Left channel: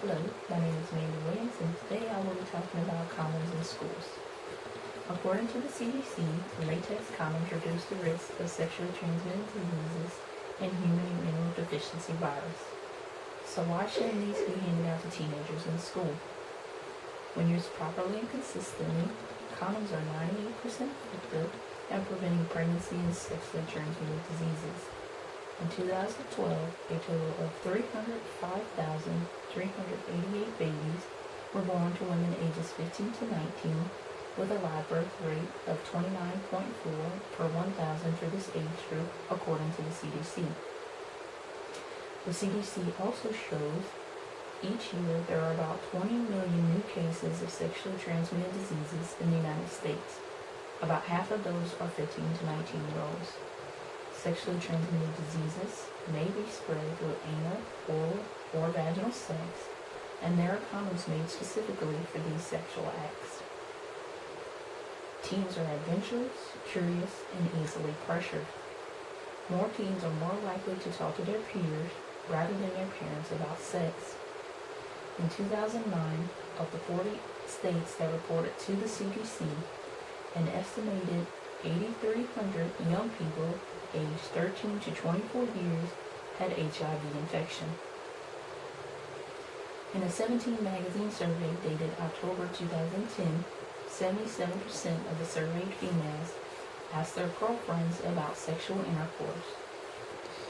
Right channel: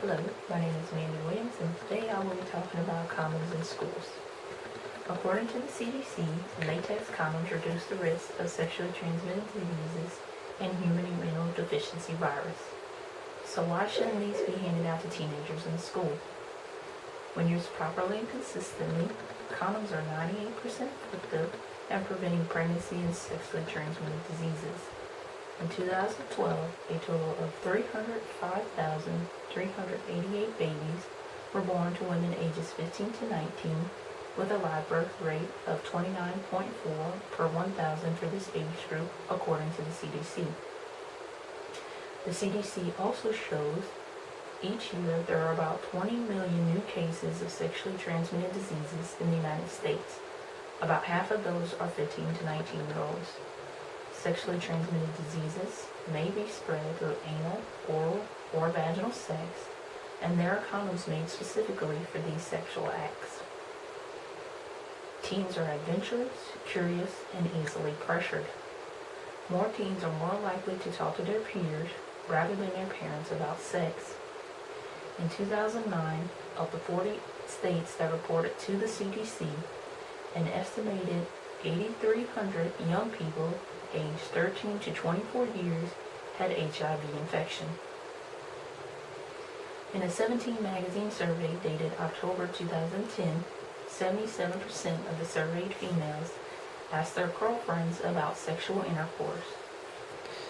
Hello, my name is Mandy Williams, and today I will be talking about condoms in schools. According to the CDC, latex condoms reduce the risk of sexually transmitted diseases and human immunodeficiency virus. So why shouldn't these be handed out to teenagers in school? When used properly and consistently, condoms are 98% effective at preventing pregnancy and sexually transmitted diseases. In 2012, a total of 305,388 babies were born to women ages 15 to 19, with a live birth rate of 29.4 per 1,000 for this age group, according to the CDC. The CDC also shows each year there are about 20 million new cases of sexually transmitted diseases in the United States. About half of those are 15 to 19-year-olds. Sexually transmitted diseases may be spread through anal, oral, or vaginal sex, and there are condoms made specifically for these sexual acts. Teens are adventurous, curious, and easily pressured. More teens are more likely to talk to their peers rather than their parents about sex. In 2009, of the 40 states that reported to the CDC, an estimated 8,300 young people aged 13 to 24 years had HIV infection. In a 17 magazine survey dated October 2010, 77% of the surveyed females asked their girlfriends about sexual intercourse.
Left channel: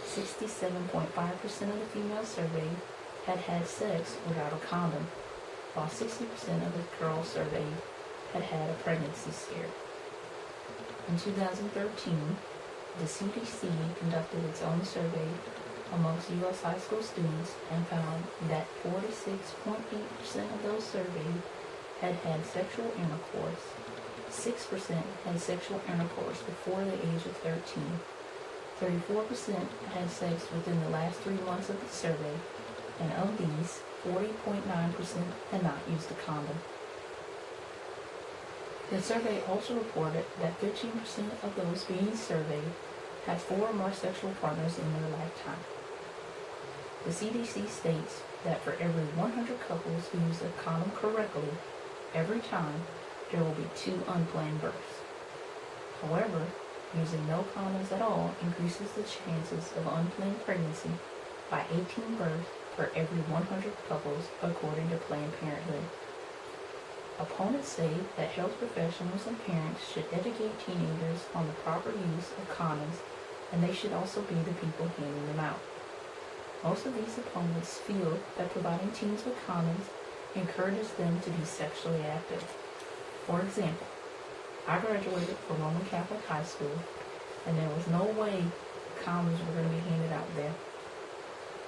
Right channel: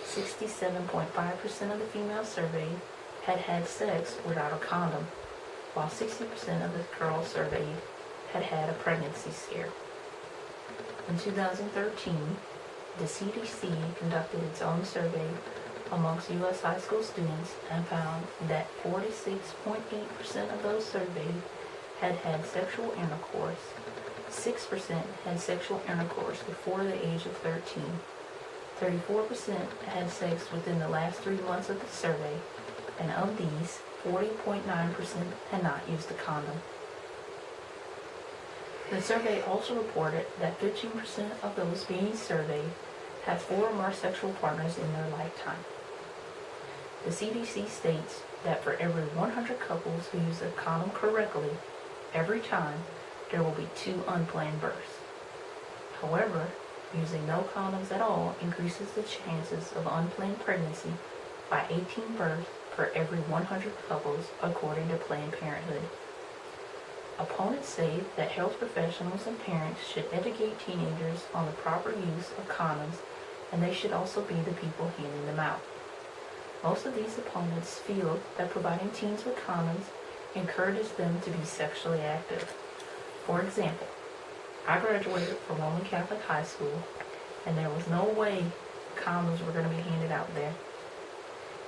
67.5% of the females surveyed had had sex without a condom, while 60% of the girls surveyed had had a pregnancy scare. In 2013, the CDC conducted its own survey amongst U.S. high school students and found that 46.8% of those surveyed had had sexual intercourse, 6% had sexual intercourse before the age of 13, 34% had sex within the last 3 months of the survey, and of these, 40.9% had not used a condom. The survey also reported that 15% of those being surveyed had 4 or more sexual partners in their lifetime. The CDC states that for every 100 couples who use a condom correctly, every time, there will be 2 unplanned births. However, using no condoms at all increases the chances of unplanned pregnancy by 18 births per every 100 couples, according to Planned Parenthood. Opponents say that health professionals and parents should educate teenagers on the proper use of condoms, and they should also be the people handing them out. Most of these opponents feel that providing teens with condoms encourages them to be sexually active. For example, I graduated from Roman Catholic High School, and there was no way condoms were going to be handed out there.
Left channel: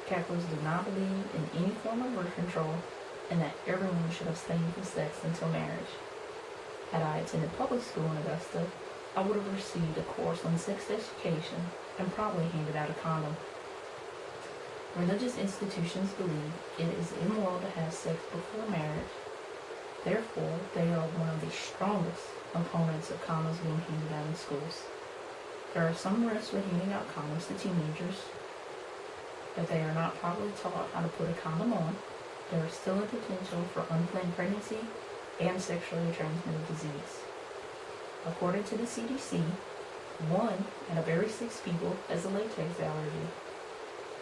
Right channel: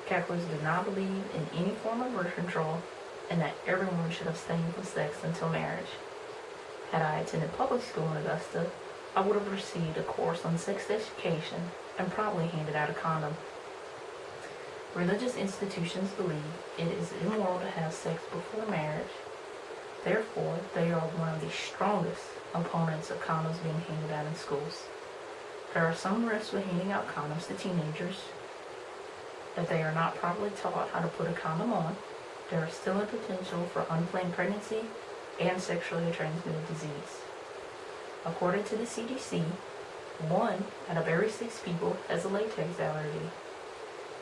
Catholics do not believe in any form of birth control, and that everyone should abstain from sex until marriage. Had I attended public school in Augusta, I would have received a course on sex education and probably handed out a condom. Religious institutions believe it is immoral to have sex before marriage. Therefore, they are one of the strongest opponents of condoms being handed out in schools. There are some risks with handing out condoms to teenagers. If they are not properly taught how to put a condom on, there is still a potential for unplanned pregnancy and sexually transmitted disease. According to the CDC, 1 out of every 6 people has a latex allergy.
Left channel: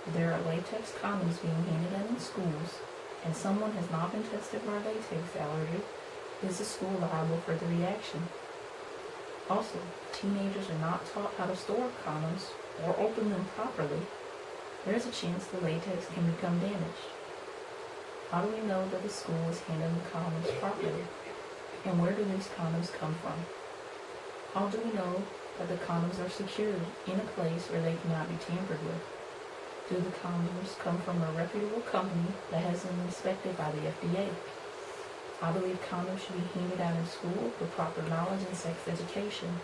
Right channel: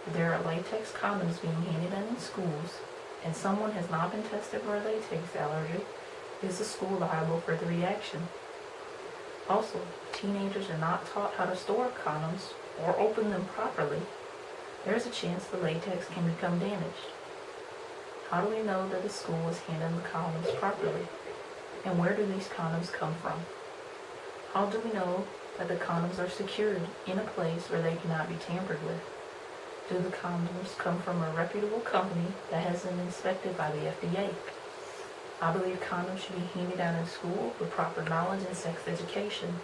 If there are latex condoms being handed out in schools, and someone has not been tested for a latex allergy, is the school liable for the reaction? Also, teenagers are not taught how to store condoms or open them properly. There is a chance the latex can become damaged. How do we know that the school is handling the condoms properly? And where do these condoms come from? How do we know that the condoms are secured in a place where they cannot be tampered with? Do the condoms come from a reputable company that has been inspected by the FDA? I believe condoms should be handed out in school with proper knowledge and sex education.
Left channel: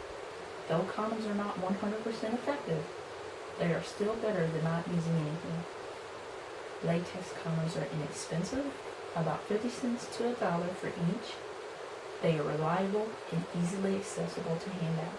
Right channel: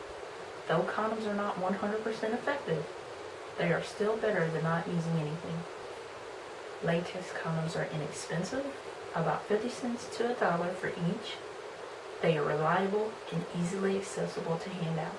Though condoms are not 100% effective, they are still better than not using anything. Latex condoms are inexpensive, about 50 cents to $1 for each. They are reliable and easily accessible to hand out.